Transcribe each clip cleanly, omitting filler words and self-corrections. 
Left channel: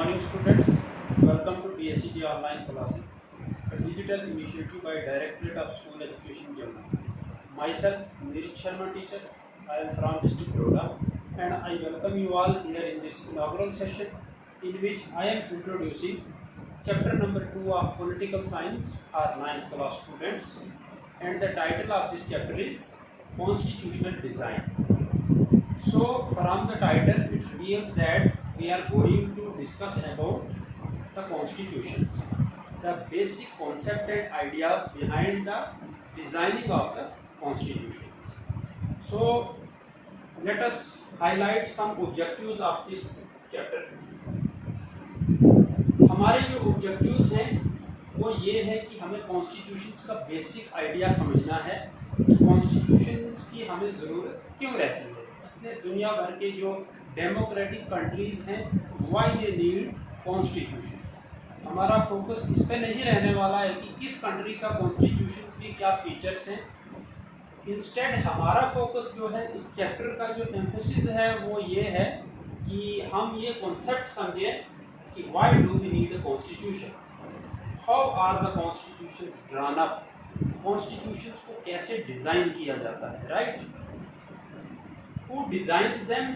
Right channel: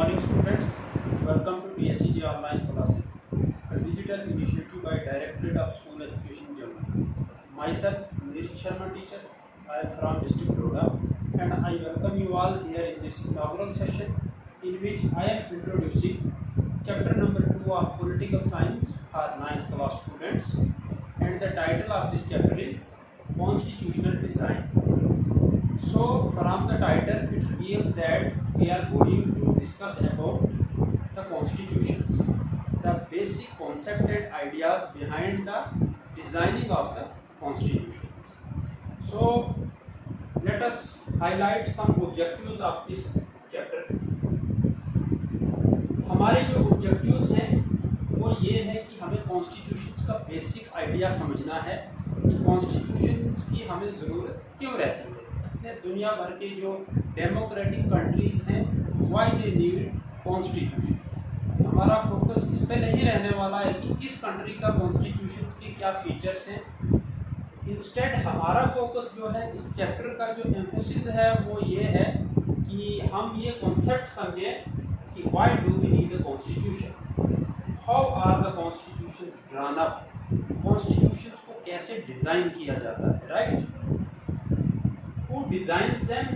morning, students. Welcome to PSCG online classes, a digital initiative by Directorate of School Education, Jammu. Myself, Nirit Sharma, teacher. I am from District Doda, and I welcome you all here in this inaugural session, in which I am introducing chapter number 2 of Political Science for 9th class students, and the title of this chapter is Constitutional Design. So, from the title, it reveals that we are going to discuss about the constitutions, the basic concept and ideas behind the designing of the constitutions. So, let us highlight some objectives of this chapter. हमारे जो objectives हैं वो ये है कि हमें constitutions का basic idea समझना है कि कॉन्स्टिट्यूशंस की हमें ज़रूरत क्यों रहती है। इतने दुनिया भर के जो डेमोक्रेटिक कंट्रीज़ हैं, वाई दे नीड कॉन्स्टिट्यूशन। हमारा फोकस इस पे नहीं रहने वाला है कि किस कंट्री का कॉन्स्टिट्यूशंस के क्या फीचर्स हैं। इंस्टेड हमारा फोकस जो है इस चैप्टर का जो एम्फोसिस है वो ये है कि हम ये कॉन्सेप्ट समझें कि why do we need a constitution, how are the constitutions drawn up, constitutions को कैसे डिज़ाइन किया जाता है, right? Who designs them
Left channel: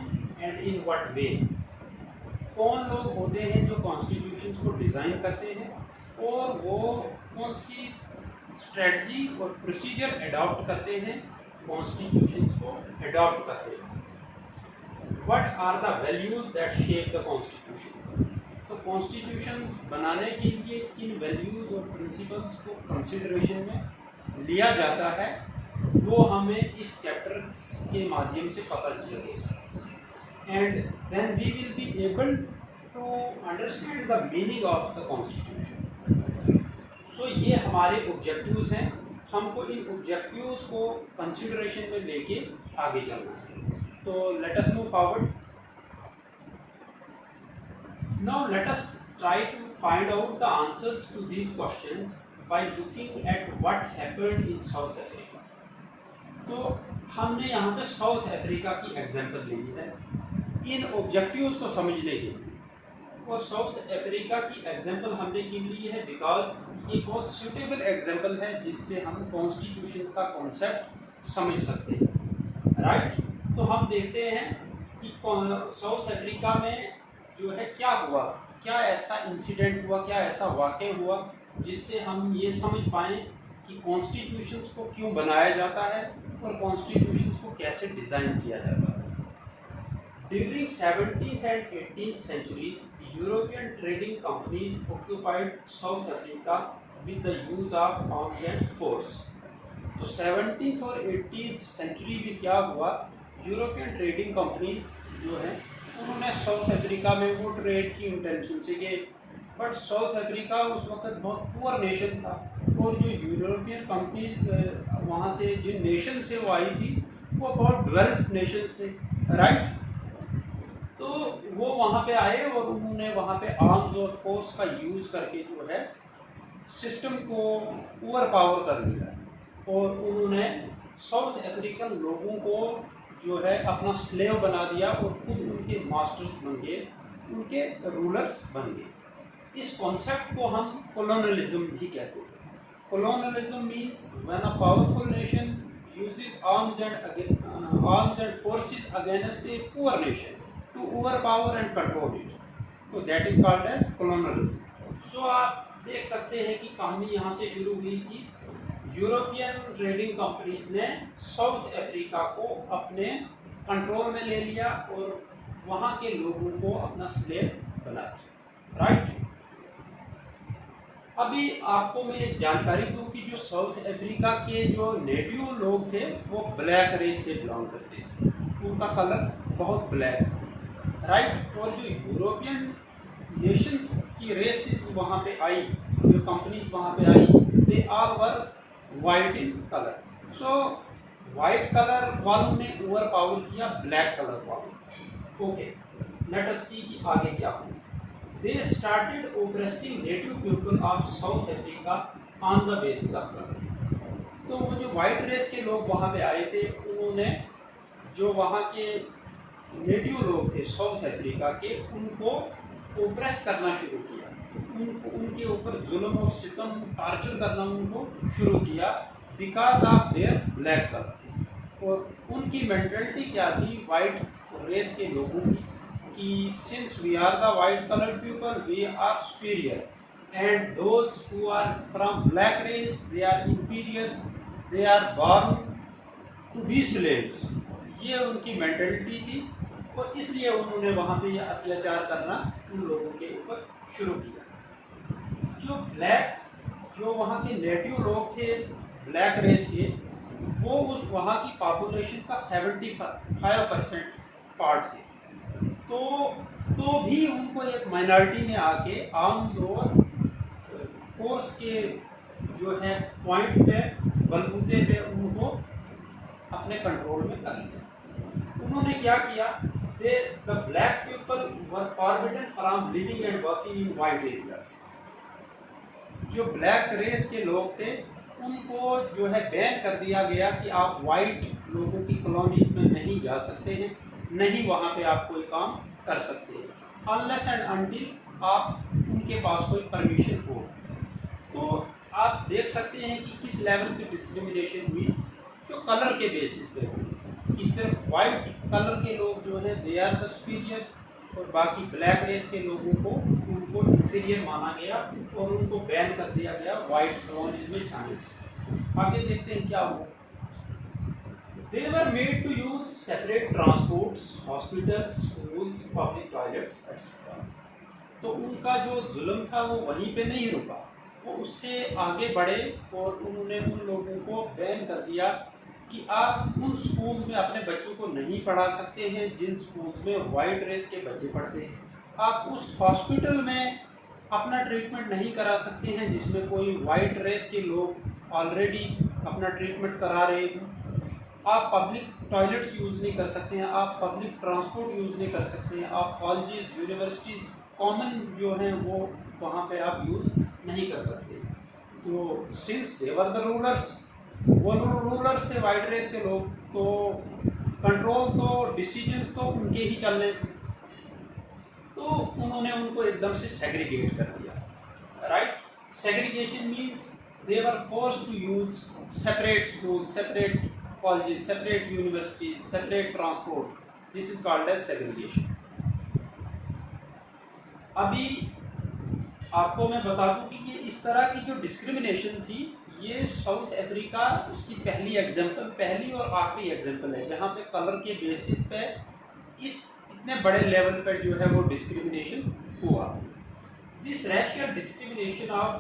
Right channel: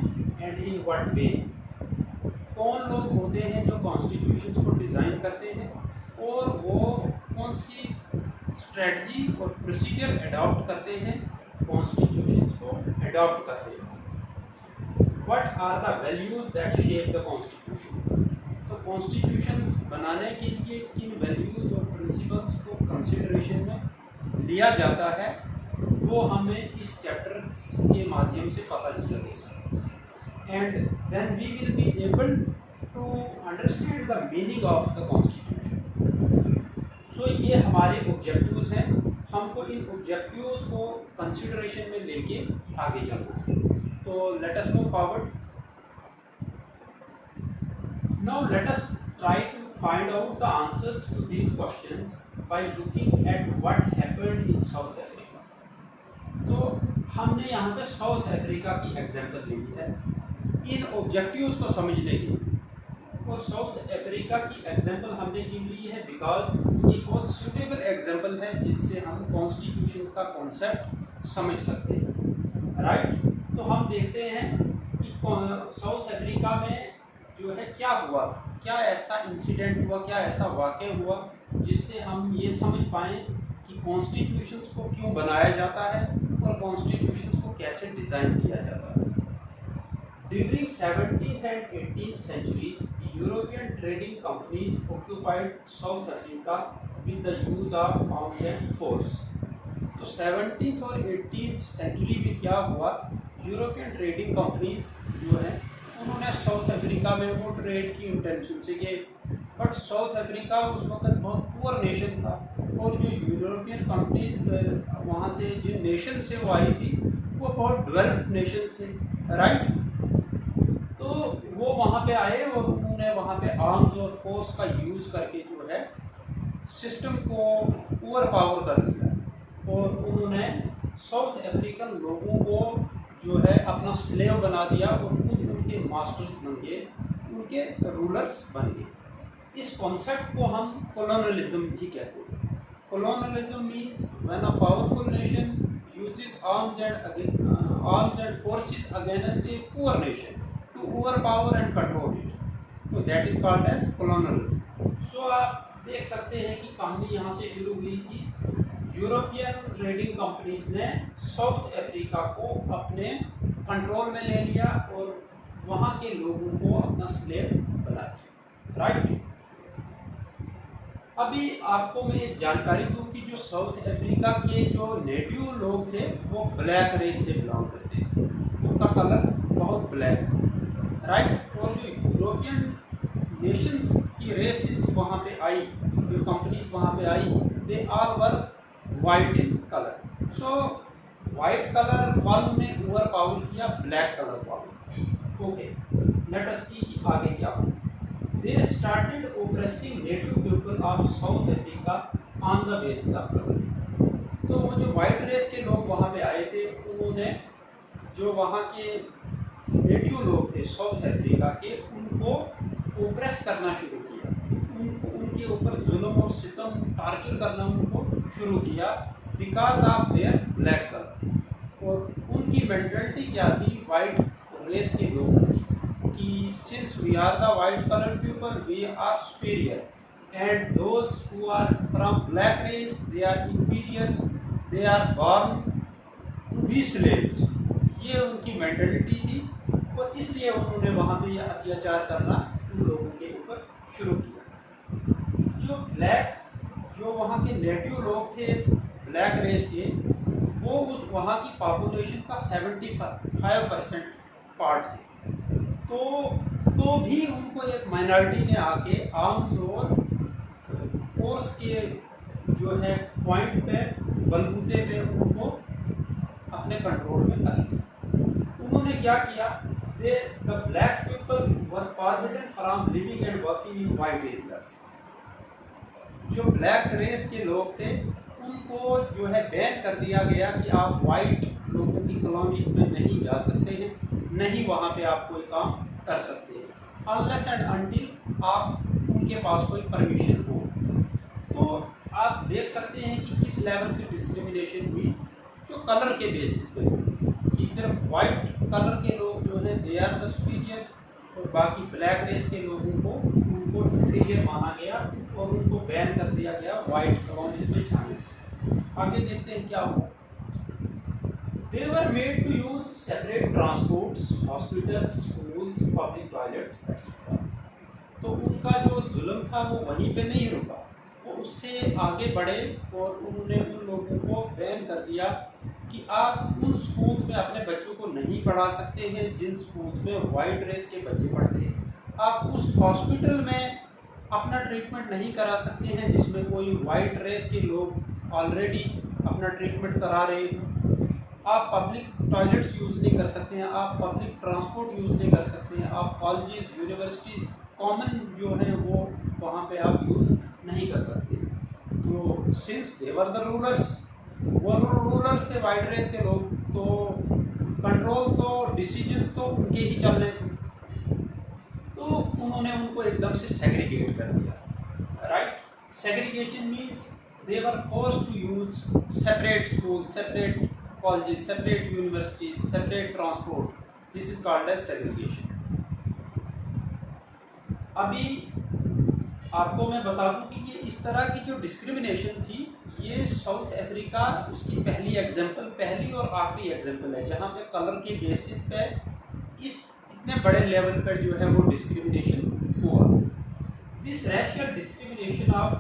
and in what way. कौन लोग होते हैं जो कॉन्स्टिट्यूशंस को डिज़ाइन करते हैं और वो कौन सी स्ट्रेटजी और प्रोसीजर अडॉप्ट करते हैं कॉन्स्टिट्यूशंस को अडॉप्ट करते हैं। What are the values that shape the constitution. तो कॉन्स्टिट्यूशंस बनाने के लिए किन वैल्यूज़ और प्रिंसिपल्स को कंसिडरेशन में लिया जाता है वो हमें इस चैप्टर के माध्यम से पता चलेगा, and then we will be able to understand the meaning of the constitution. So ये हमारे ऑब्जेक्टिव्स हैं, हमको इन ऑब्जेक्टिव्स को कंसिडरेशन में लेके आगे चलना है। तो let us move forward. Now let us try to find out the answers to these questions by looking at what happened in South Africa. तो हमने यहाँ पे साउथ अफ्रीका की एग्जाम्पल ली है इन ऑब्जेक्टिव्स को समझने के लिए, और साउथ अफ्रीका की एग्जाम्पल हमने क्यों ली है बिकॉज ये बहुत सूटेबल एग्जाम्पल है जिससे हम कॉन्स्टिट्यूशन का कॉन्सेप्ट समझ सकते हैं, राइट? तो हम देखते हैं कि साउथ अफ्रीका में जो है क्या हुआ, क्या ऐसा इंसिडेंट हुआ, क्या ऐसा वाक़या हुआ जिससे हम ये समझ पाएँ कि कॉन्स्टिट्यूशंस को क्यों बनाया जाता है और कॉन्स्टिट्यूशंस को कैसे डिज़ाइन किया जाता है। During 17th and 18th centuries, European trading companies occupied South Africa with the use of arms and force. तो 17th और 18th सेंचुरी में क्या हुआ, यूरोपियन ट्रेडिंग कंपनीज जो है उन्होंने साउथ अफ्रीका में वो ट्रेड की इंटेंशन से गए, बट साउथ अफ्रीका उस वक्त बहुत पुअर नेशन था और जो यूरोपियन कंपनीज वहाँ से जिन नेशन से वो आई थी वो बहुत डेवलप्ड नेशंस थे, राइट? तो वो वहाँ पे आए और उन्होंने वहाँ पे आर्म्स और फोर्स का यूज़ करके जो है सिस्टम को ओवर पावर कर दिया और उन्होंने साउथ अफ्रीकन लोगों को जो है अपना स्लेव बना दिया और खुद उनके मास्टर्स बन गए, उनके रूलर्स बन गए। इस कॉन्सेप्ट को हम कॉलोनियलिज्म भी कहते हैं। Colonialism means when a powerful nation uses arms and forces against a poor nation to over power and control it, तो that is called as colonialism. So आप देख सकते हैं कि कहानी यहाँ से शुरू हुई कि यूरोपियन ट्रेडिंग कंपनीज ने साउथ अफ्रीका को अपने कंट्रोल में ले लिया और वहाँ के लोगों को अपना स्लेव बना दिया, राइट? अभी आपको मैं एक जानकारी दूँ कि जो साउथ अफ्रीका के जो नेटिव लोग थे वो ब्लैक रेस से बिलोंग करते थे, उनका कलर बहुत ब्लैक था, राइट? और जो यूरोपियन नेशंस की रेसेस वहाँ पे आई, जो कंपनीज वहाँ पे आई, they all were white in colour. So white colour वालों ने ओवर पावर किया ब्लैक कलर वालों। ओके, लेट अस सी कि आगे क्या हो। They started oppressing native people of South Africa on the basis of colour. तो वो जो वाइट रेस के लोग वहाँ पे आए थे उन्होंने जो वहाँ के नेटिव लोग थे साउथ अफ्रीका के, उनको ओप्रेस करना शुरू किया, उनके ऊपर जुल्म और सितम टार्चर करना उनको शुरू किया because of their black colour. और उनकी मेंटलिटी क्या थी, वाइट रेस के लोगों की, कि since we are the white colour people we are superior and those who are from black race they are inferiors, they are born to be slaves. ये उनकी मेंटलिटी थी और इसलिए उन्होंने वहाँ पे ये अत्याचार करना उन लोगों के ऊपर शुरू किया। जो वहाँ के नेटिव लोग थे ब्लैक रेस के, वो उस वहाँ की पॉपुलेशन का 75% पार्ट थे। तो भी उनको एक माइनॉरिटी ने आके आर्म्स और फोर्स के जो है पॉइंट पे, बलबूते पे उनको अपने कंट्रोल में कर लिया। उन्होंने क्या किया, the black people were forbidden from living and working in white areas. जो ब्लैक रेस के लोग थे उनको जो है बैन कर दिया गया कि आप वाइट लोगों की कॉलोनीज में नहीं जा सकते हैं, नहीं वहाँ पे आप कोई काम कर सकते हैं, अनलेस एंड अनटिल आप उनके पास कोई परमिशन हो। तो आप देख सकते हैं कि किस लेवल की डिस्क्रिमिनेशन हुई जो कलर के बेसिस पे हुई, कि सिर्फ वाइट कलर के लोग जो है दे आर द सुपीरियर्स और बाकी ब्लैक रेस के लोगों को उनको इंफीरियर माना गया और उनको बैन कर दिया गया वाइट कॉलोनीज में जाने से। आगे देखते हैं क्या हुआ। They were made to use separate transports, hospitals, schools, public toilets, etc. तो उनका जो जुल्म था वो वहीं पे नहीं रुका, वो उससे आगे बढ़े और उन्होंने उन लोगों को बैन कर दिया कि आप उन स्कूल्स में अपने बच्चों को नहीं पढ़ा सकते हैं जिन स्कूल्स में वाइट रेस के बच्चे पढ़ते हैं, आप उस हॉस्पिटल में अपना ट्रीटमेंट नहीं करा सकते हैं जिसमें कोई वाइट रेस के लोग ऑलरेडी अपना ट्रीटमेंट करा रहे हैं, आप पब्लिक टॉयलेट्स यूज़ नहीं कर सकते हैं, आप पब्लिक ट्रांसपोर्ट यूज़ नहीं कर सकते हैं, आप कॉलेजेस यूनिवर्सिटीज़ कॉमन जो हैं वो वहाँ पे आप यूज़ नहीं कर सकते। तो since they were the rulers, वो रूलर्स थे वाइट रेस के लोग, तो कंट्रोल तो डिसीजंस तो उनके ही चलने थे, तो उन्होंने उनको एकदम से सेग्रीगेट कर दिया। Right, segregation means they were forced to use separate school, separate colleges, separate universities, separate transport. This is called as segregation. अभी आपको मैं बता दूं कि ये इस तरह की जो डिस्क्रिमिनेशन थी, ये साउथ अफ्रीका उसकी पहली और आखिरी एग्जाम्पल है जहाँ पे कलर के बेसिस पे इस इतने बड़े लेवल पर जो है वो डिस्क्रिमिनेशन हुआ। This racial discrimination of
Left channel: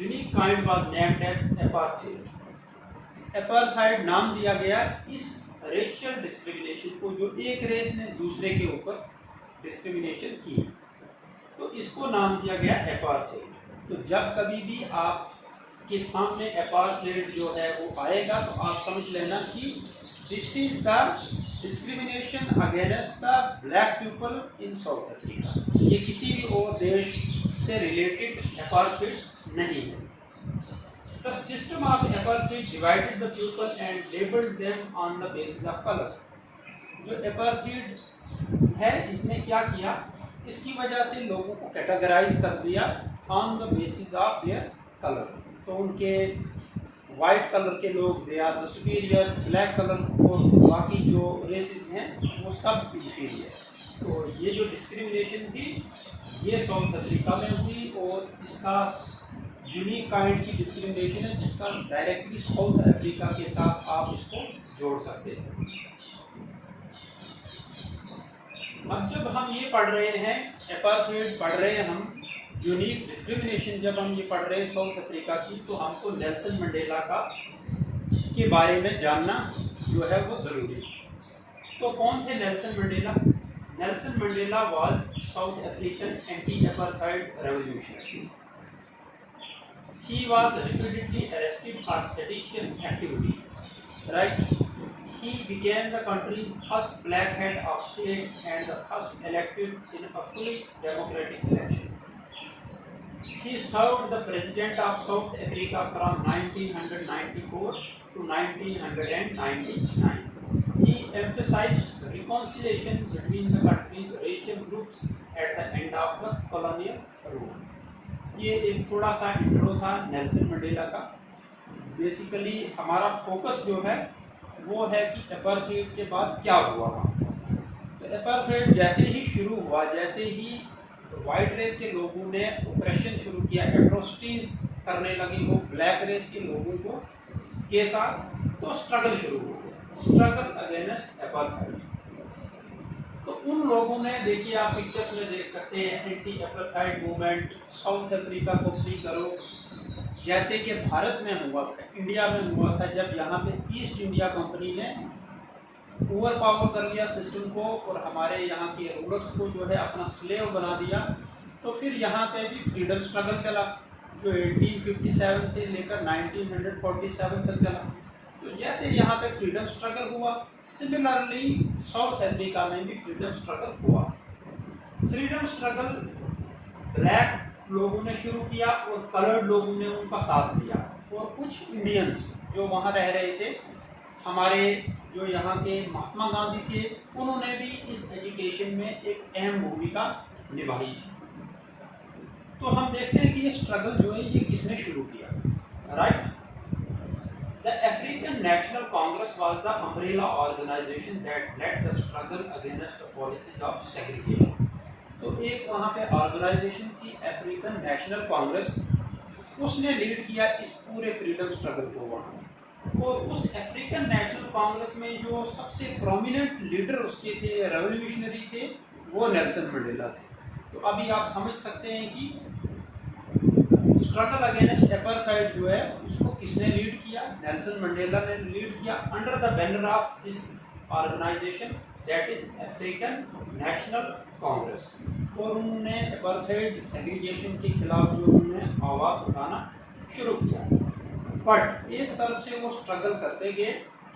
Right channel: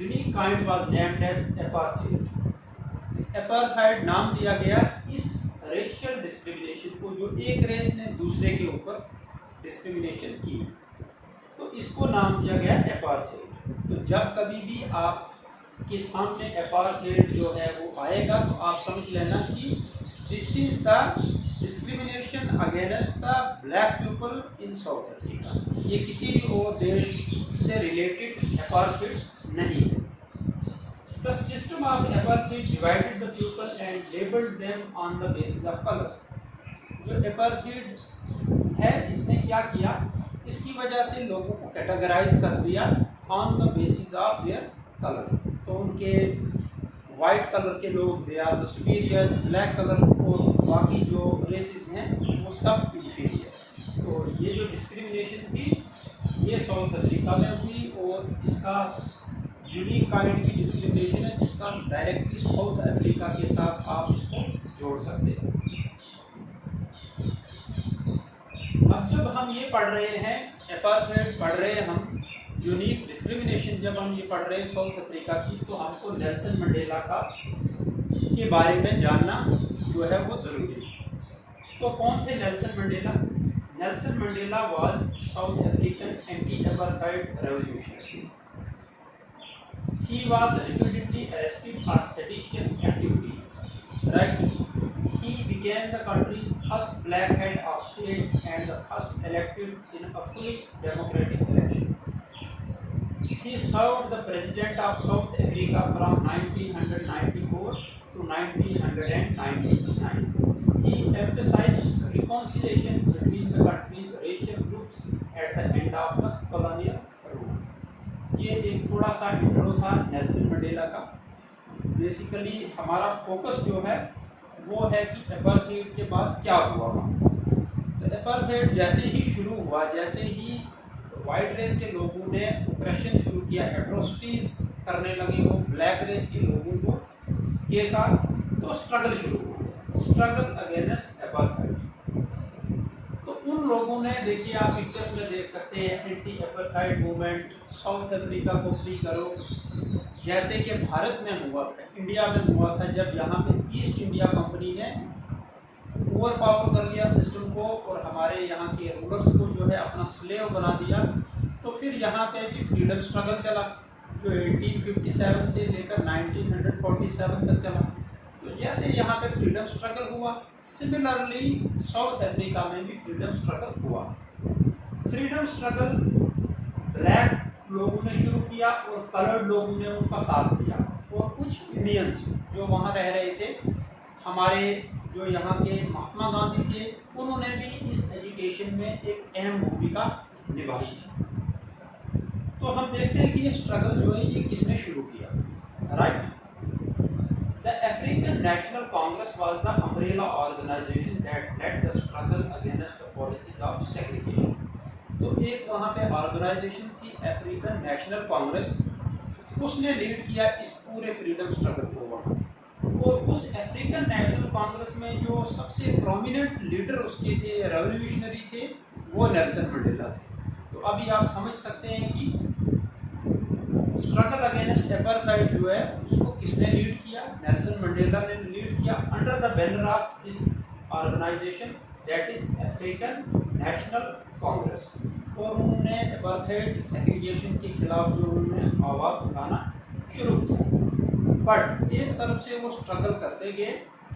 unique kind was named as apartheid. Apartheid नाम दिया गया इस रेशियल डिस्क्रिमिनेशन को जो एक रेस ने दूसरे के ऊपर डिस्क्रिमिनेशन की, तो इसको नाम दिया गया एपार्थाइड। तो जब कभी भी आपके सामने एपार्थाइड जो है वो आएगा तो आप समझ लेना कि this is the discrimination against the black people in south Africa. ये किसी भी और देश से रिलेटेड एपार्थाइड नहीं है। The system of apartheid divided the people and labeled them on the basis of color. जो apartheid है इसने क्या किया, इसकी वजह से लोगों को कैटेगराइज कर दिया on the basis of their color। तो उनके वाइट कलर के लोग they are the superiors, black colour और बाकी जो रेसेस हैं वो सब इंफीरियर। तो ये जो डिस्क्रिमिनेशन थी ये साउथ अफ्रीका में हुई और इसका यूनिक काइंड की डिस्क्रिमिनेशन है जिसका डायरेक्टली साउथ अफ्रीका के साथ आप इसको जोड़ सकते हैं। अब जब हम ये पढ़ रहे हैं एपार्थाइड पढ़ रहे हैं, हम यूनिक डिस्क्रिमिनेशन जब हम ये पढ़ रहे हैं साउथ अफ्रीका की, तो हमको नेल्सन मंडेला के बारे में जानना जो है वो ज़रूरी है। तो कौन थे Nelson Mandela? Nelson Mandela was south African anti apartheid revolutionary. He was repeatedly arrested for seditious activities. Right? He became the country's first black head of state and the first elected in a fully democratic election. He served the president of South Africa from 1994 to 1999. He emphasized reconciliation between the country's racial groups troops at the end of the colonial rule. ये एक थोड़ा सा intro था Nelson Mandela का। Basically हमारा focus जो है वो है कि अपार्थाइड के बाद क्या हुआ वहाँ। तो अपार्थाइड जैसे ही शुरू हुआ, जैसे ही वाइट रेस के लोगों ने ऑपरेशन शुरू किया, एट्रोसिटीज करने लगे वो ब्लैक रेस के लोगों को के साथ, तो स्ट्रगल शुरू हो गया, स्ट्रगल अगेंस्ट अपार्थाइड। तो उन लोगों ने, देखिए आप पिक्चर्स में देख सकते हैं, anti apartheid movement, south Africa को फ्री करो, जैसे कि भारत में हुआ था, इंडिया में हुआ था, जब यहाँ पे ईस्ट इंडिया कंपनी ने ओवर पावर कर लिया सिस्टम को और हमारे यहाँ के रूलर्स को जो है अपना स्लेव बना दिया। तो फिर यहाँ पे भी फ्रीडम स्ट्रगल चला जो 1857 से लेकर 1947 तक चला। तो जैसे यहाँ पे फ्रीडम स्ट्रगल हुआ, सिमिलरली साउथ अफ्रीका में भी फ्रीडम स्ट्रगल हुआ। फ्रीडम स्ट्रगल ब्लैक लोगों ने शुरू किया और कलर्ड लोगों ने उनका साथ दिया, और कुछ इंडियंस जो वहाँ रह रहे थे, हमारे जो यहाँ के महात्मा गांधी थे, उन्होंने भी इस एजुकेशन में एक अहम भूमिका निभाई थी। तो हम देखते हैं कि ये स्ट्रगल जो है ये किसने शुरू किया, right. The African National Congress was the umbrella organisation that led the struggle against the policies of segregation. तो एक वहाँ पे ऑर्गेनाइजेशन थी अफ्रीकन नेशनल कांग्रेस, उसने लीड किया इस पूरे फ्रीडम स्ट्रगल को वहाँ। और उस अफ्रीकन नेशनल कांग्रेस में जो सबसे प्रोमिनेंट लीडर उसके थे, रेवोल्यूशनरी थे, वो नेल्सन मंडेला थे। तो अभी आप समझ सकते हैं कि स्ट्रगल अगेंस्ट अपार्थाइड जो है उसको किसने लीड किया, नेल्सन मंडेला ने लीड किया, under the banner of this organisation that is African National Congress. और उन्होंने अपार्थाइड सेग्रीगेशन के खिलाफ जो उन्होंने आवाज़ उठाना शुरू किया। बट एक तरफ से वो स्ट्रगल करते गए,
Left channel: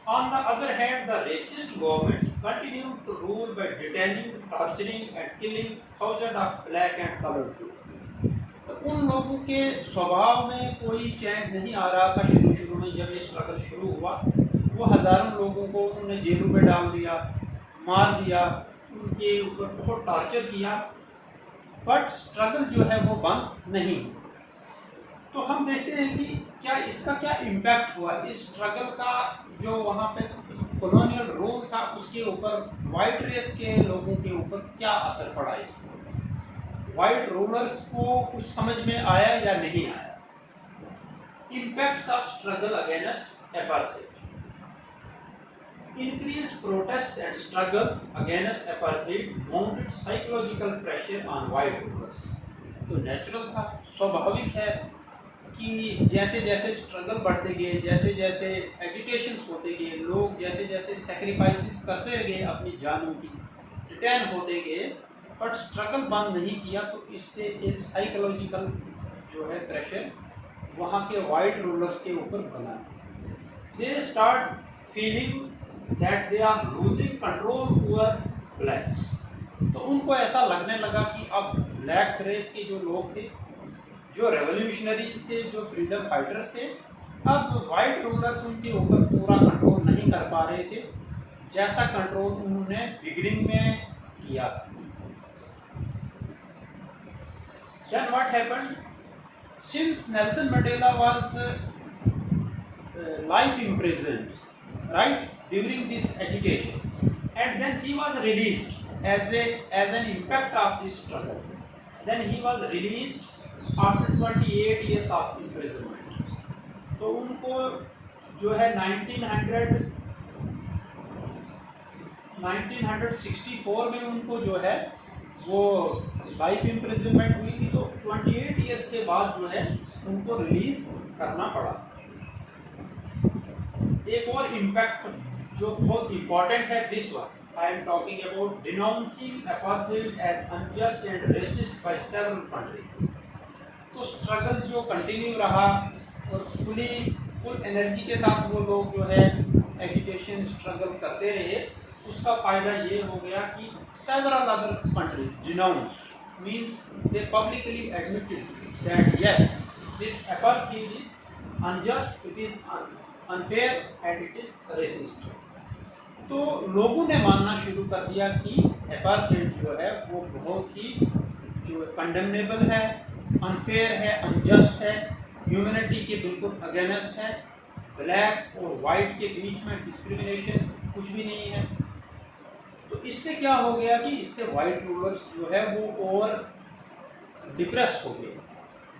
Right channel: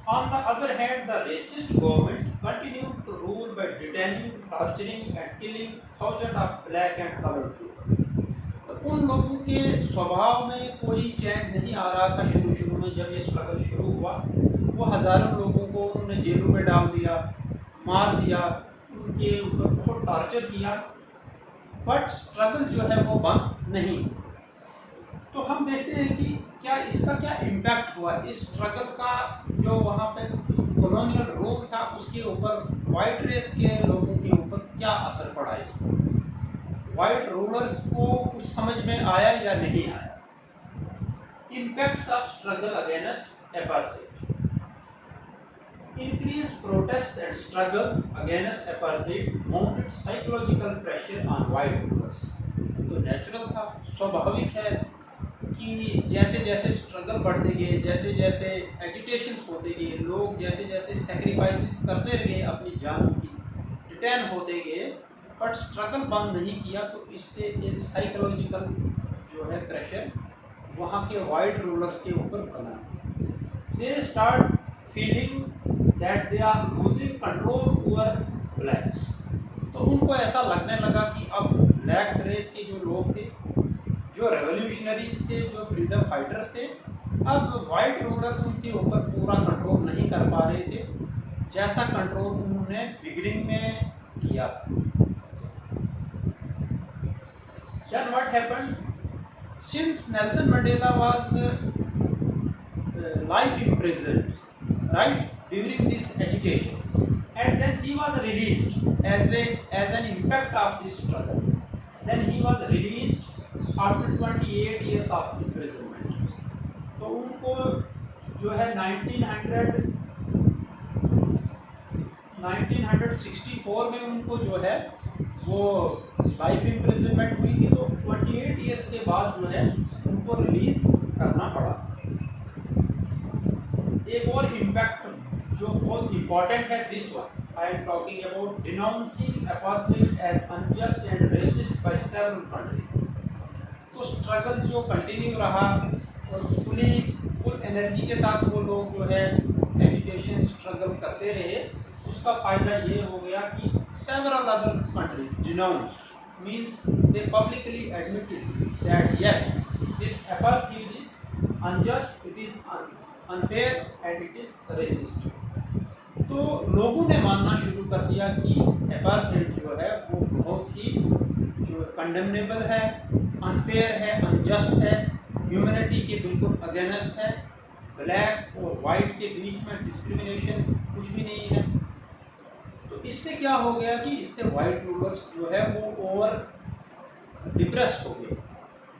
on the other hand the racist government continued to rule by detaining, torturing and killing thousand of black and coloured people. तो उन लोगों के स्वभाव में कोई चेंज नहीं आ रहा था। शुरू में जब ये स्ट्रगल शुरू हुआ, वो हज़ारों लोगों को उन्होंने जेलों में डाल दिया, मार दिया, उनके ऊपर बहुत टॉर्चर किया, बट स्ट्रगल जो है वो बंद नहीं। तो हम देखते हैं कि क्या इसका क्या इम्पैक्ट हुआ, इस स्ट्रगल का जो वहाँ पे कॉलोनियल रूल था उसके ऊपर, वाइट रेस के लोगों के ऊपर क्या असर पड़ा इसका, वाइट रूलर्स को कुछ समझ में आया या नहीं आया। Impacts of struggle against apartheid. Increased protests and struggles against apartheid mounted psychological pressure on white rulers। तो नेचुरल था, स्वाभाविक है कि जैसे जैसे स्ट्रगल बढ़ते गए, जैसे जैसे एजुटेशंस होते गए, लोग जैसे जैसे सेक्रीफाइसेस करते गए अपनी जानों की, डिटेन होते गए, बट स्ट्रगल बंद नहीं किया, तो इससे एक साइकोलॉजिकल जो है प्रेशर वहाँ के वाइट रूलर्स के ऊपर बना। They start feeling that they are losing control over blacks. तो उनको ऐसा लगने लगा कि अब ब्लैक रेस के जो लोग थे, जो रेवोल्यूशनरीज थे, जो फ्रीडम फाइटर्स थे, अब वाइट रूलर्स उनके ऊपर पूरा कंट्रोल नहीं कर पा रहे थे, जैसा कंट्रोल उन्होंने बिगिनिंग में किया था। Then what happened? Since Nelson Mandela was life imprisoned, right, during this agitation, and then he was released as an impact of this struggle. Then he was released after 28 years of imprisonment. तो उनको जो है 1964 में उनको जो है वो life imprisonment हुई थी। तो 28 ईयर्स के बाद जो है उनको रिलीज करना पड़ा। एक और इम्पैक्ट जो बहुत इम्पॉर्टेंट है, this one I am talking about denouncing apartheid as unjust and racist by several countries. तो स्ट्रगल जो कंटिन्यू रहा और फुल एनर्जी के साथ वो लोग जो है एजुटेशन स्ट्रगल करते रहे, उसका फ़ायदा ये हो गया कि several other countries denounced, means they publicly admitted that yes, this apartheid is unjust, it is unfair and it is racist. तो लोगों ने मानना शुरू कर दिया कि एपार्थाइड जो है वो बहुत ही जो कंडेमनेबल है, अनफेयर है, अनजस्ट है, ह्यूमैनिटी के बिल्कुल अगेंस्ट है, ब्लैक और वाइट के बीच में डिस्क्रिमिनेशन कुछ भी नहीं है। तो इससे क्या हो गया कि इससे वाइट रूलर्स जो है वो और डिप्रेस हो गए।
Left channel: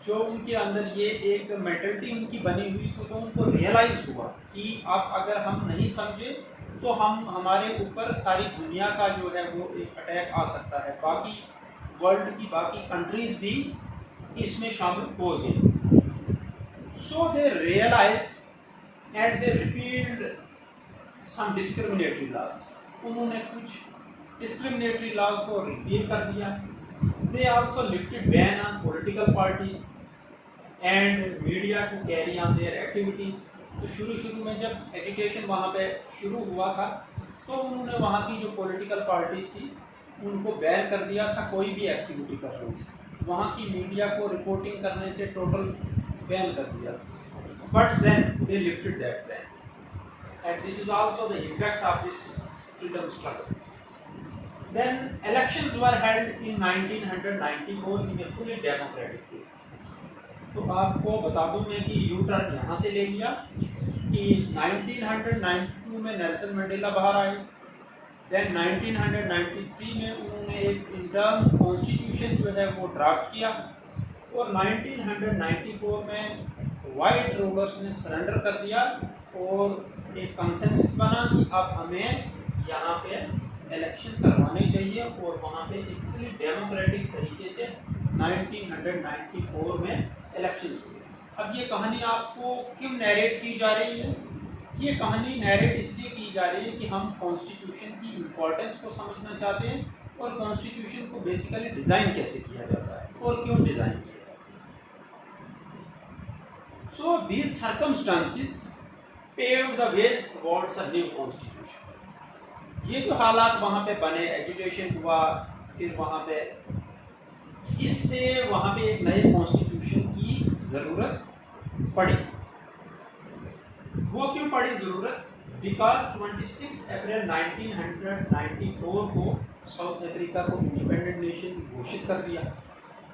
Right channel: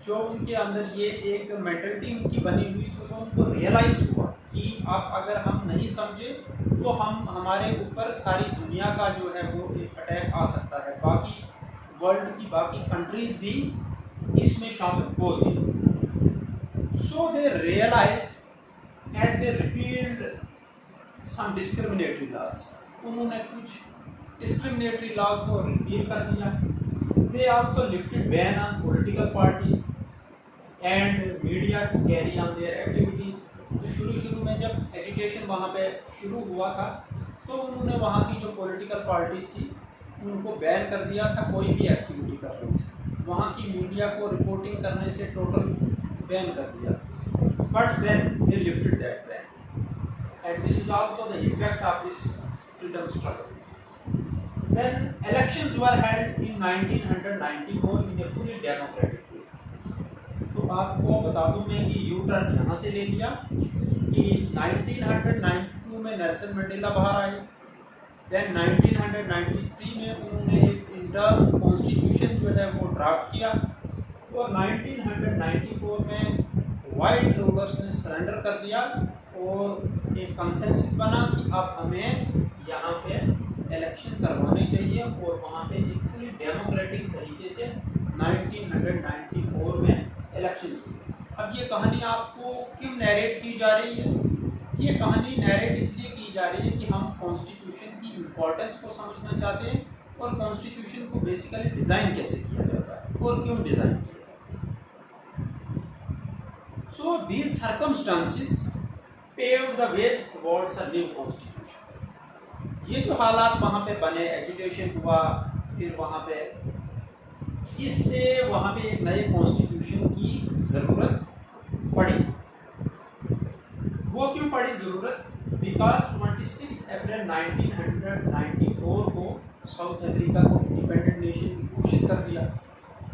जो उनके अंदर ये एक मेंटलिटी उनकी बनी हुई थी, तो उनको रियलाइज़ हुआ कि अब अगर हम नहीं समझे तो हमारे ऊपर सारी दुनिया का जो है वो एक अटैक आ सकता है, बाकी वर्ल्ड की बाकी कंट्रीज भी इसमें शामिल हो गई। So they realise and they repealed some discriminatory laws. उन्होंने कुछ डिस्क्रिमिनेटरी लॉज को रिपील कर दिया। They also lifted ban on political parties and media to carry on their activities. तो शुरू में जब एजुकेशन वहाँ पे शुरू हुआ था तो उन्होंने वहाँ की जो पॉलिटिकल पार्टीज थी उनको बैन कर दिया था कोई भी एक्टिविटी करने से, वहाँ की मीडिया को रिपोर्टिंग करने से टोटल बैन कर दिया था। But then they lifted that ban and this is also the effect of this freedom struggle. Then elections were held in 1994 in a fully democratic way. तो आपको बता दूं मैं कि यू टर्न यहाँ से ले लिया कि 1992 में नेल्सन मंडेला बाहर आए। देन 1993 में उन्होंने एक इंटर्म कॉन्स्टिट्यूशन जो है वो ड्राफ्ट किया और 1994 में वाइट रूलर्स ने सरेंडर कर दिया और एक कंसेंसस बना कि अब हमें यहाँ पे इलेक्शन करवाने चाहिए और वहाँ पे एक फुली डेमोक्रेटिक तरीके से 1994 में इलेक्शन हुए। अब ये कहानी आपको क्यों नैरेट की जा रही है? ये कहानी नैरेट इसलिए की जा रही है कि हम कॉन्स्टिट्यूशन की इम्पोर्टेंस को समझना चाहते हैं और कॉन्स्टिट्यूशन को बेसिकली डिज़ाइन कैसे किया जाता है और क्यों डिज़ाइन किया जाता है। So these circumstances paved the way towards a new constitution. ये जो हालात वहाँ पे बने, एजुटेशन हुआ, फिर वहाँ पे इससे वहाँ पे एक नए कॉन्स्टिट्यूशन की ज़रूरत पड़ी। वो क्यों पड़ी ज़रूरत? बिकॉज 26 अप्रैल 1994 को साउथ अफ्रीका को इंडिपेंडेंट नेशन घोषित कर दिया।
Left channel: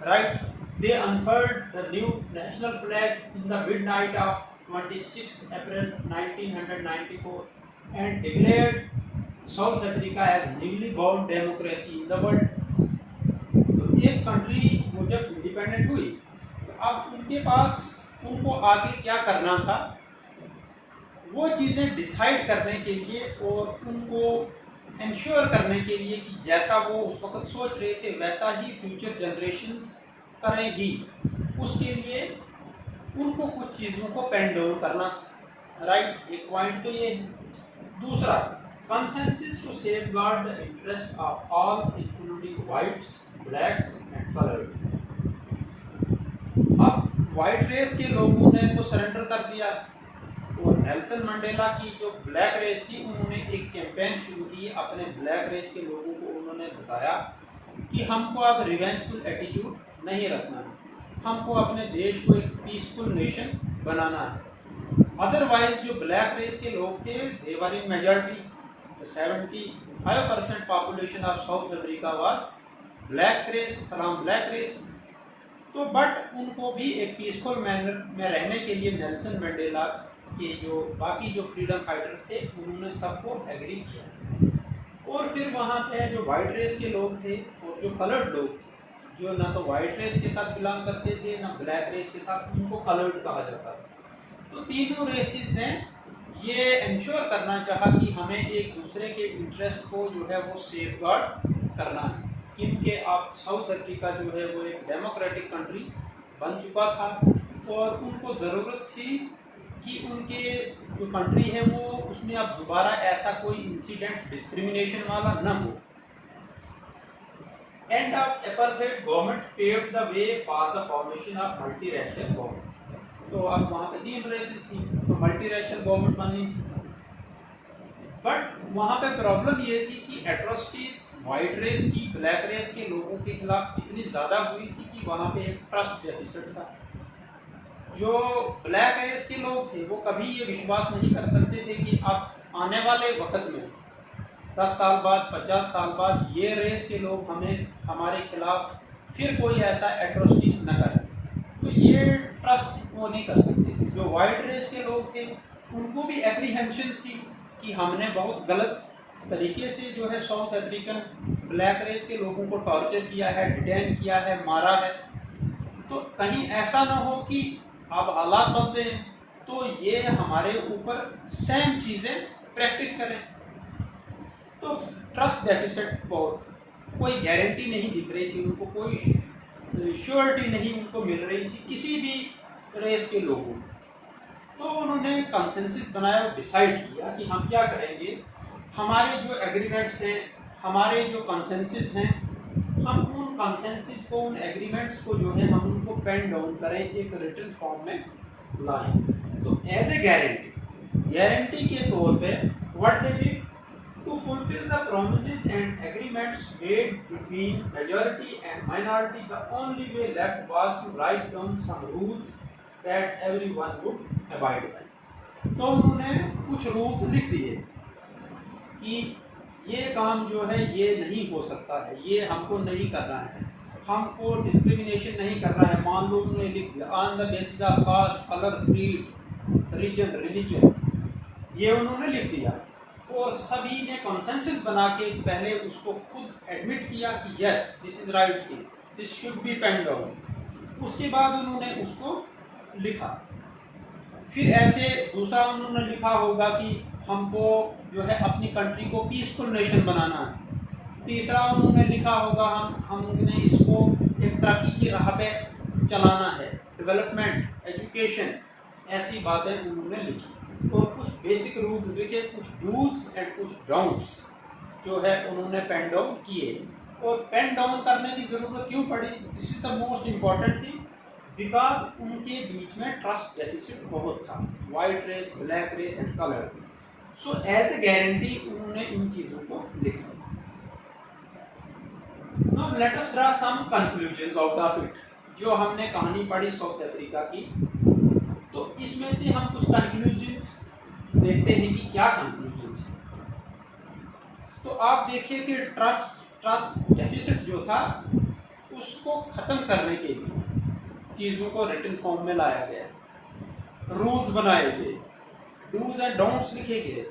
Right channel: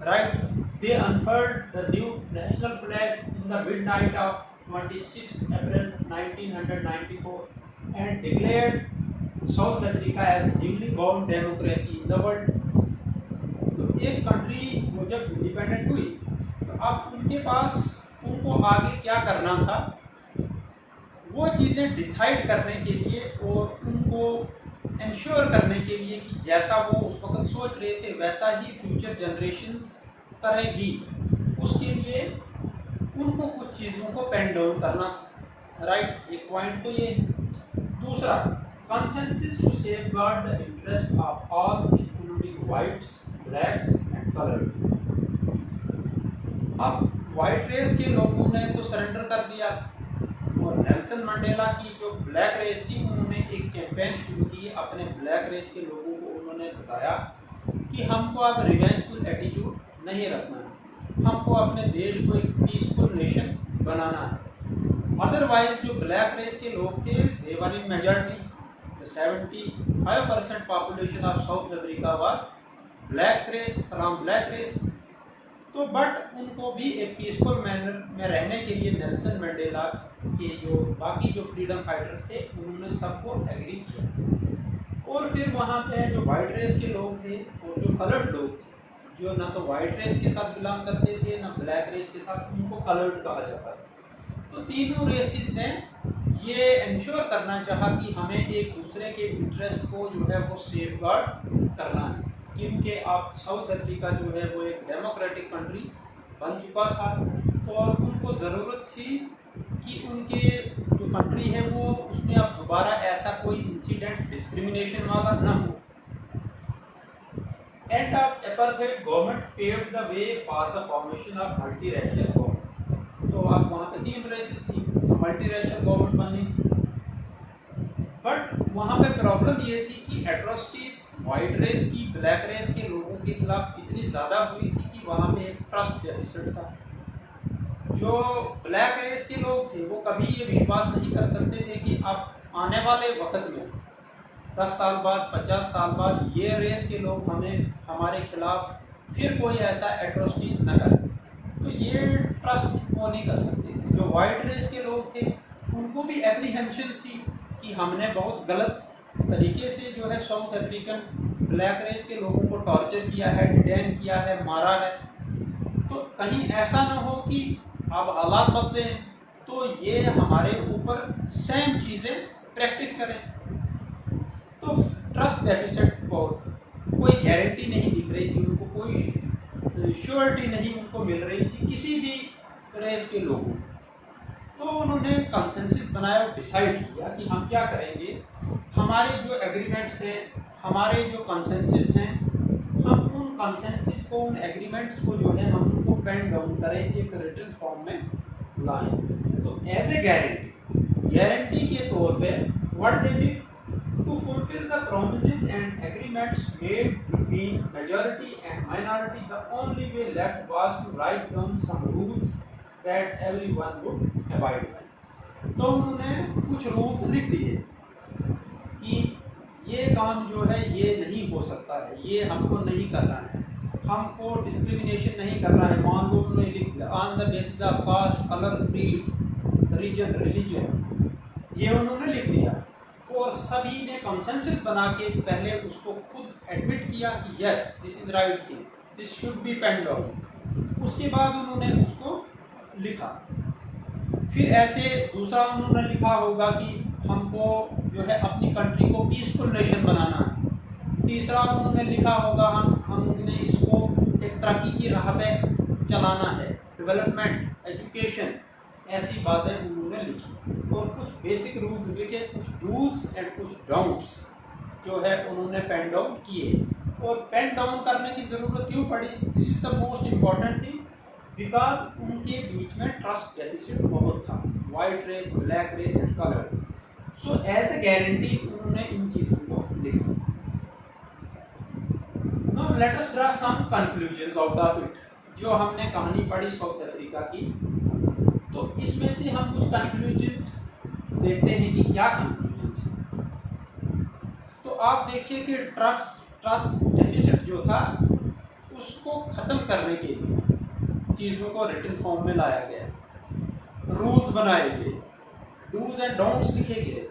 Right, they unfurled the new national flag in the midnight of 26 April 1994 and declared South Africa as newly born democracy in the world. तो एक कंट्री वो जब इंडिपेंडेंट हुई तो अब उनके पास उनको आगे क्या करना था वो चीज़ें डिसाइड करने के लिए और उनको इंश्योर करने के लिए कि जैसा वो उस वक्त सोच रहे थे वैसा ही फ्यूचर जनरेशन्स करेगी, उसके लिए उनको कुछ चीज़ों को पेन डाउन करना था। राइट, एक पॉइंट तो ये। दूसरा, consensus to safeguard the interest of all including whites, blacks and colored। अब वाइट रेस के लोगों ने तो सरेंडर कर दिया और नेल्सन मंडेला की जो ब्लैक रेस थी उन्होंने एक कैंपेन शुरू की। अपने ब्लैक रेस के लोगों को उन्होंने बताया कि हमको अब रिवेंजफुल एटीट्यूड नहीं रखना है, हमको अपने देश को एक पीसफुल नेशन बनाना है। अदरवाइज जो ब्लैक रेस के लोग थे दे वर इन majority, 75% population of South Africa was black race, from black race। तो बट उनको भी एक पीसफुल मैनर में रहने के लिए नेल्सन मंडेला के जो बाकी जो फ्रीडम फाइटर्स थे उन्होंने सबको एग्री किया। और फिर वहाँ पे जो वाइट रेस के लोग थे और जो कलर्ड लोग थे जो ना तो वाइट रेस के साथ बिलोंग करते थे ना ब्लैक रेस के साथ, उनको कलर्ड कहा जाता था। तो तीनों रेसिस ने ये इंश्योर करना चाहा कि हमें एक दूसरे के इंटरेस्ट को जो है वो सेफ गार्ड करना है, क्योंकि आप साउथ अफ्रीका जो है वो एक डेमोक्रेटिक कंट्री बन चुका था और उनको ज़रूरत थी कि उनके जो कंट्री है वो उसमें अब दोबारा ऐसा कोई इंसिडेंट डिस्क्रिमिनेशन वाला न हो। End of apartheid government paved the way for the formation of multi racial government. तो अब वहाँ पे 3 रेसेस थी तो मल्टी रैशियल गवर्नमेंट बननी थी। बट वहाँ पे प्रॉब्लम ये थी कि एट्रोसिटीज वाइट रेस की ब्लैक रेस के लोगों के खिलाफ इतनी ज़्यादा हुई थी कि वहाँ पे एक ट्रस्ट डेफिसिट था। जो ब्लैक रेस के लोग थे वो कभी ये विश्वास नहीं कर सकते थे कि अब आने वाले वक्त में 10 साल बाद, 50 साल बाद ये रेस के लोग हमारे खिलाफ फिर कोई ऐसा एट्रोसिटीज न करें। तो ये ट्रस्ट वो नहीं कर सकते थे। जो वाइट रेस के लोग थे उनको भी एप्रीहेंशंस थी कि हमने बहुत गलत तरीके से जो है साउथ अफ्रीकन ब्लैक रेस के लोगों को टॉर्चर किया है, डिटेन किया है, मारा है। तो कहीं ऐसा ना हो कि अब हालात बदले तो ये हमारे ऊपर सेम चीज़ें प्रैक्टिस करें। तो ट्रस्ट डेफिसिट बहुत, कोई गारंटी नहीं दिख रही थी उनको, कोई श्योरिटी नहीं उनको मिल रही थी किसी भी रेस के लोगों। तो उन्होंने कंसेंसस बनाया और डिसाइड किया कि हम क्या करेंगे, हमारे जो एग्रीमेंट्स हैं, हमारे जो कंसेंसस हैं, हम उन कंसेंसस को, उन एग्रीमेंट्स को जो है हम उनको पेन डाउन करें, एक रिटन फॉर्म में लाएं। तो एज ए गारंटी के तौर पे what they did to fulfill the promises and agreements made between majority and minority, the only way left was to write down some rules that everyone would abide by. तो उन्होंने कुछ rules लिख दिए कि ये काम जो है ये नहीं हो सकता है, ये हमको नहीं करना है, हमको डिस्क्रिमिनेशन नहीं करना है। मान लो उन्होंने लिख दिया on the basis of caste, colour, creed, region, religion, ये उन्होंने लिख दिया। और सभी ने कंसेंसस बना के पहले उसको खुद एडमिट किया कि yes this is right thing, this should be pen down. उसके बाद उन्होंने उसको लिखा। फिर ऐसे दूसरा उन्होंने लिखा होगा कि हमको जो है अपनी कंट्री को पीसफुल नेशन बनाना है। तीसरा उन्होंने लिखा होगा हमने इसको एक तरक्की की राह पे चलाना है, डेवलपमेंट, एजुकेशन, ऐसी बातें उन्होंने लिखी। और कुछ बेसिक रूल्स लिखे, कुछ डूज एंड कुछ डाउट्स जो है उन्होंने पेन डाउन किए। और पेन डाउन करने की ज़रूरत क्यों पड़ी? This is the most important thing, because उनके बीच में ट्रस्ट डेफिसिट बहुत था, white race, black race and colour. So as a guarantee उन्होंने इन चीज़ों को लिखा। Now let us draw some conclusions out of it. जो हमने कहानी पढ़ी साउथ अफ्रीका की, तो इसमें से हम कुछ कंक्लूजन्स देखते हैं कि क्या कंक्लूजन्स हैं। तो आप देखिए कि ट्रस्ट डेफिसिट जो था उसको ख़त्म करने के लिए चीज़ों को रिटन फॉर्म में लाया गया, रूल्स बनाए गए, डूज एंड डोंट्स लिखे गए।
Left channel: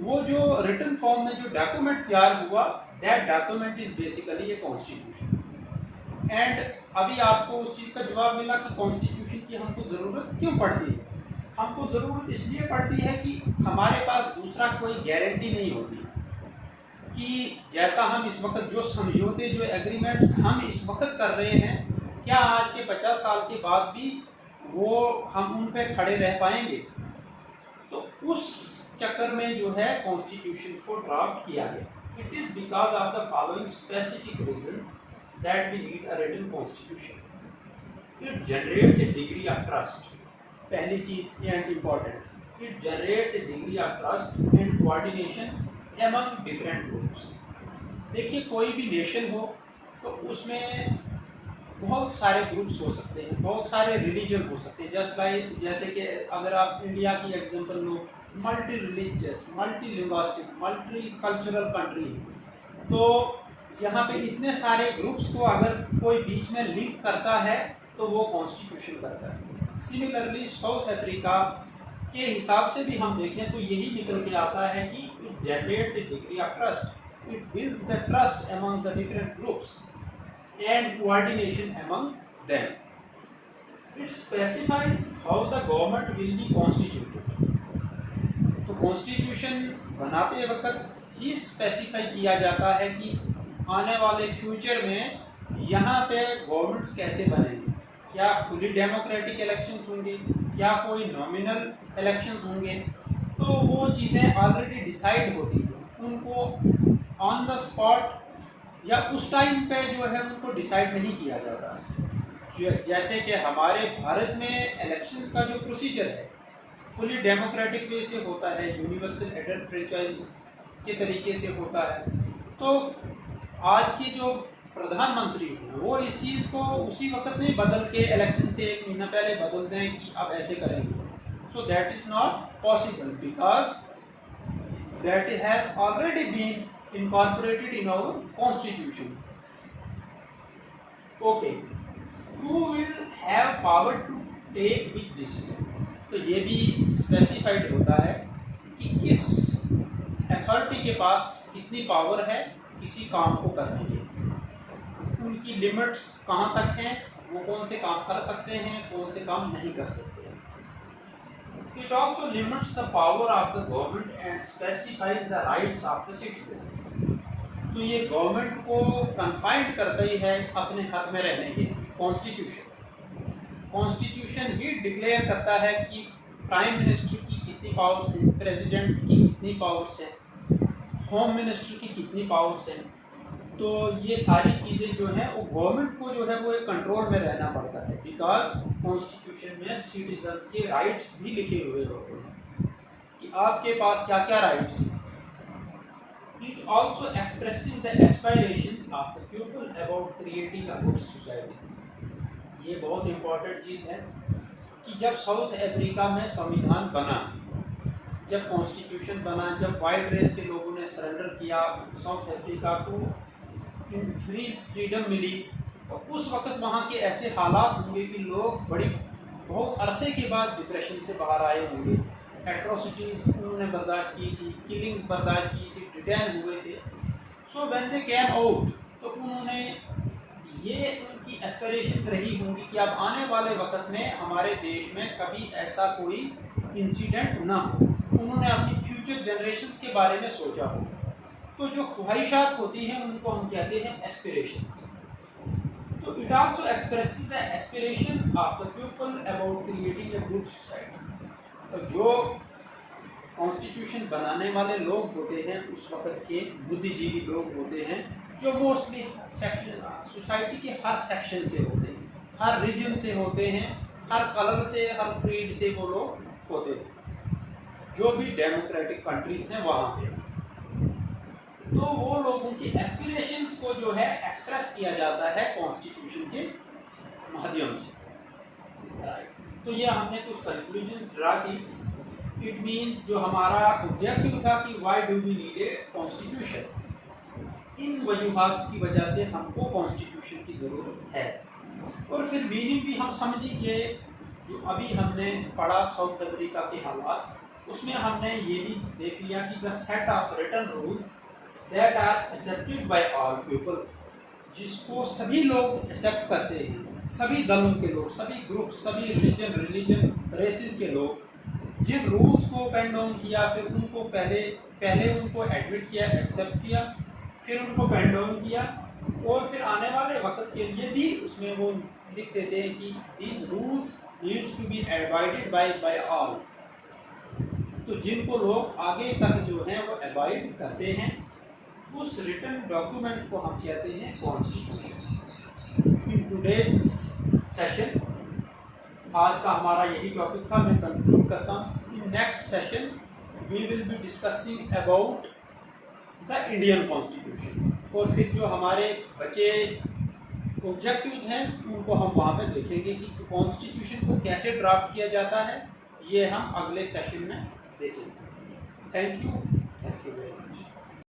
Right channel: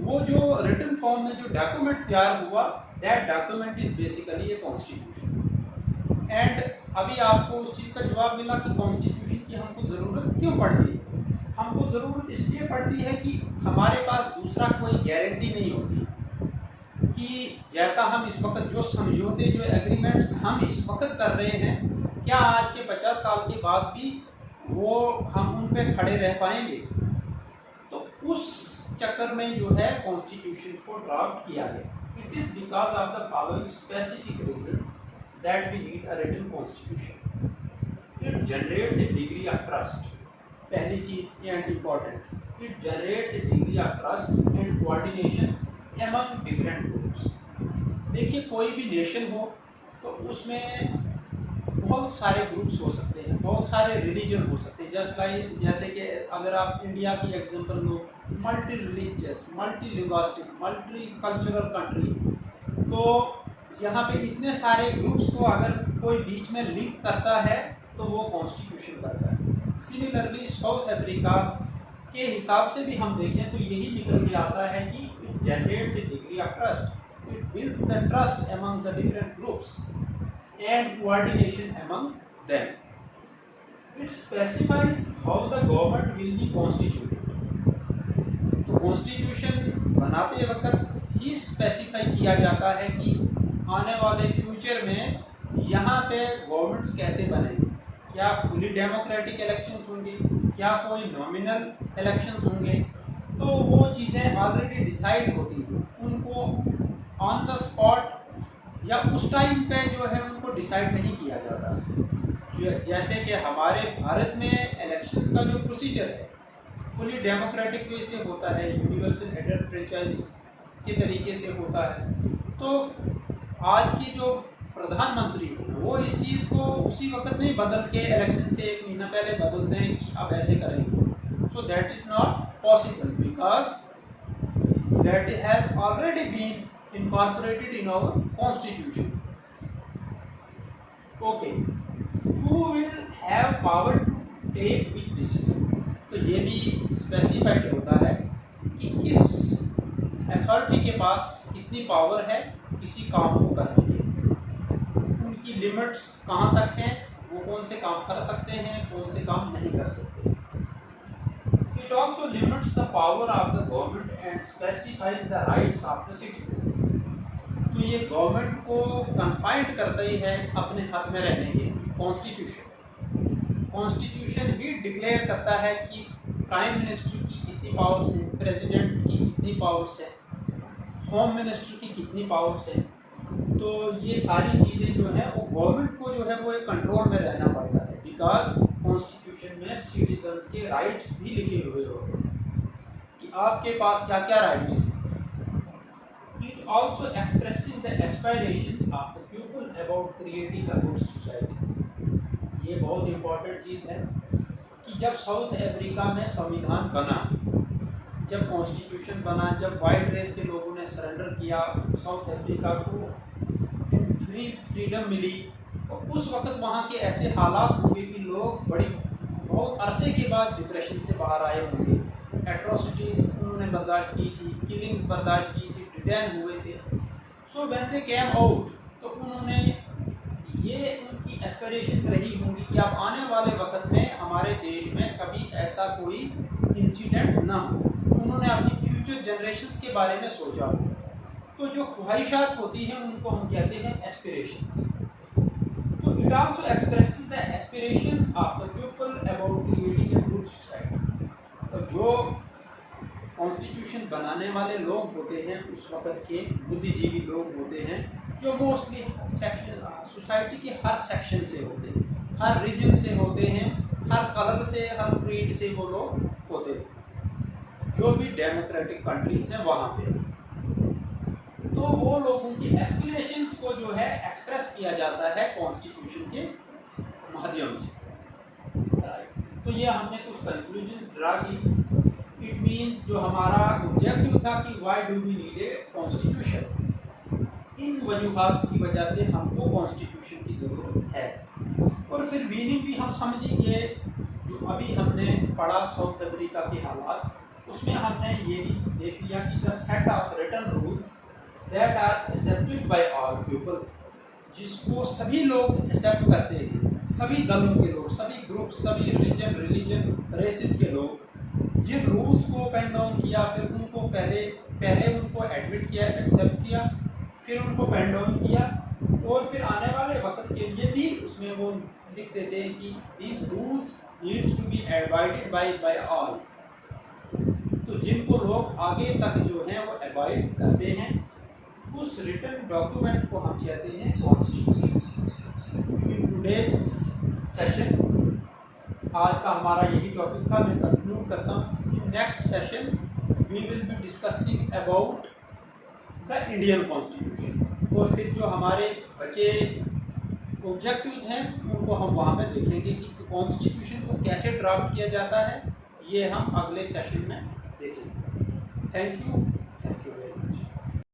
वो जो रिटन फॉर्म में जो डॉक्यूमेंट तैयार हुआ, that document is basically a constitution. And अभी आपको उस चीज़ का जवाब मिला कि कॉन्स्टिट्यूशन की हमको ज़रूरत क्यों पड़ती है। हमको ज़रूरत इसलिए पड़ती है कि हमारे पास दूसरा कोई गारंटी नहीं होती कि जैसा हम इस वक्त जो समझौते, जो एग्रीमेंट्स हम इस वक्त कर रहे हैं, क्या आज के 50 साल के बाद भी वो हम उन पे खड़े रह पाएंगे। तो उस चक्कर में जो है कॉन्स्टिट्यूशन को ड्राफ्ट किया गया। It is because of the following specific reasons that we need a written constitution. It generates a degree of trust. पहली चीज़ and important, it generates a degree of trust and coordination among different groups. देखिए कोई भी nation हो तो उसमें बहुत सारे ग्रुप्स हो सकते हैं, बहुत सारे रिलीजन हो सकते हैं। जैसे कि अगर आप इंडिया की एग्जांपल लो, multi religious, multi linguistic, multi cultural country, तो यहाँ पे इतने सारे ग्रुप्स को अगर कोई बीच में लिंक करता है तो वो कॉन्स्टिट्यूशन करता है। सिमिलरली साउथ अफ्रीका के हिसाब से भी हम देखें तो यही निकल के आता है कि it generates A degree of trust, it builds the trust among the different groups and coordination among them. It specifies how the government will be constituted. तो कॉन्स्टिट्यूशन बनाते वक्त ही स्पेसिफाई किया जाता है कि आने वाले फ्यूचर में यहाँ पे गवर्नमेंट्स कैसे बनेंगे, क्या फुली डेमोक्रेटिक इलेक्शंस होंगे, क्या कोई नॉमिनल इलेक्शंस होंगे। तो वो चीज़ें ऑलरेडी डिसाइड होती हैं, उनको ऑन द स्पॉट या उस टाइम पे जो है उनको डिसाइड नहीं किया जाता। जैसे कि हमारे भारत में इलेक्शंस का जो प्रोसीजर है फुली डेमोक्रेटिक वे से होता है, यूनिवर्सल एडेड फ्रेंचाइज के तरीके से होता है। तो आज की जो प्रधानमंत्री हैं वो इस चीज़ को उसी वक्त नहीं बदल के इलेक्शन से 1 महीना पहले बदलते हैं कि अब ऐसे करेंगे। So that is not possible because that has already been incorporated in our constitution. Okay, who will have power to take which decision? तो ये भी स्पेसिफाइड होता है कि किस अथॉरिटी के पास कितनी पावर है किसी काम को करने की, उनकी लिमिट्स कहाँ तक हैं, वो कौन से काम कर सकते हैं, कौन से काम नहीं कर सकते. It also limits the power of the government and specifies the rights of the citizens. तो ये गवर्नमेंट को कन्फाइंड करता ही है अपने हक में रहने के. कॉन्स्टिट्यूशन ही डिक्लेयर करता है कि प्राइम मिनिस्टर की कितनी पावर्स हैं, प्रेसिडेंट की कितनी पावर्स हैं, होम मिनिस्टर की कितनी पावर्स हैं. तो ये सारी चीज़ें जो हैं वो गवर्नमेंट को जो है वो एक कंट्रोल में रहना पड़ता है, बिकॉज कॉन्स्टिट्यूशन में सिटीजन्स के राइट्स भी लिखे हुए होते हैं कि आपके पास क्या क्या राइट्स हैं. It also expressing the aspirations of the people about creating a good society. ये बहुत इम्पोर्टेंट चीज़ है कि जब साउथ अफ्रीका में संविधान बना, जब कॉन्स्टिट्यूशन बना, जब वाइट रेस के लोगों ने सरेंडर किया, साउथ अफ्रीका को फ्रीडम मिली, और उस वक्त वहाँ के ऐसे हालात होंगे कि लोग बहुत अरसे के बाद डिप्रेशन से बाहर आए होंगे. एट्रोसिटीज़ उन्होंने बर्दाश्त की थी, किलिंग्स बर्दाश्त की थी, डिटेन हुए थे. So when they came out, तो उन्होंने ये उनकी एस्पिरेशंस रही होंगी कि अब आने वाले वक्त में हमारे देश में कभी ऐसा कोई इंसिडेंट ना हो. उन्होंने अपनी फ्यूचर जनरेशन्स के बारे में सोचा हो. तो जो ख्वाहिशात होती हैं उनको हम कहते हैं एस्पिरेशंस. तो it also expresses the aspirations of the people about creating a good society. तो जो कॉन्स्टिट्यूशन बनाने वाले लोग होते हैं उस वक्त के बुद्धिजीवी लोग होते हैं, जो मोस्टली सेक्शन सोसाइटी के हर सेक्शन से होते हैं, हर रीजन से होते हैं, हर कलर से, हर क्रीड से वो लोग होते हैं, जो भी डेमोक्रेटिक कंट्रीज हैं वहाँ पे. तो वो लोगों की एस्पिरेशंस को जो है एक्सप्रेस किया जाता है कॉन्स्टिट्यूशन के माध्यम से. तो ये हमने कुछ कंक्लूजन ड्रा की. इट मीन्स जो हमारा ऑब्जेक्टिव था कि why do we need a constitution, इन वजूहात की वजह से हमको कॉन्स्टिट्यूशन की ज़रूरत है. और फिर मीनिंग भी हम समझेंगे. जो अभी हमने पढ़ा साउथ अफ्रीका के हालात, उसमें हमने ये भी देख लिया कि the set of written rules that are accepted by all people, जिसको सभी लोग एक्सेप्ट करते हैं, सभी दलों के लोग, सभी ग्रुप, सभी रिलीजन रेसेस के लोग, जिन रूल्स को पेन डाउन किया, फिर उनको पहले उनको एडमिट किया, एक्सेप्ट किया, फिर उनको पेन डाउन किया, और फिर आने वाले वक्त के लिए भी उसमें वो लिख देते हैं कि these rules needs to be abided by all. तो जिनको लोग आगे तक जो हैं वो एवॉइड करते हैं, उस रिटन डॉक्यूमेंट को हम कहते हैं कॉन्स्टिट्यूशन. इन टुडेज सेशन आज का हमारा यही टॉपिक था. मैं कंक्लूड करता हूँ. In next session we will be discussing about the Indian constitution, और फिर जो हमारे बचे ऑब्जेक्टिव्स हैं उनको हम वहाँ पे देखेंगे कि कॉन्स्टिट्यूशन को कैसे ड्राफ्ट किया जाता है. ये हम अगले सेशन में देखेंगे. Thank you.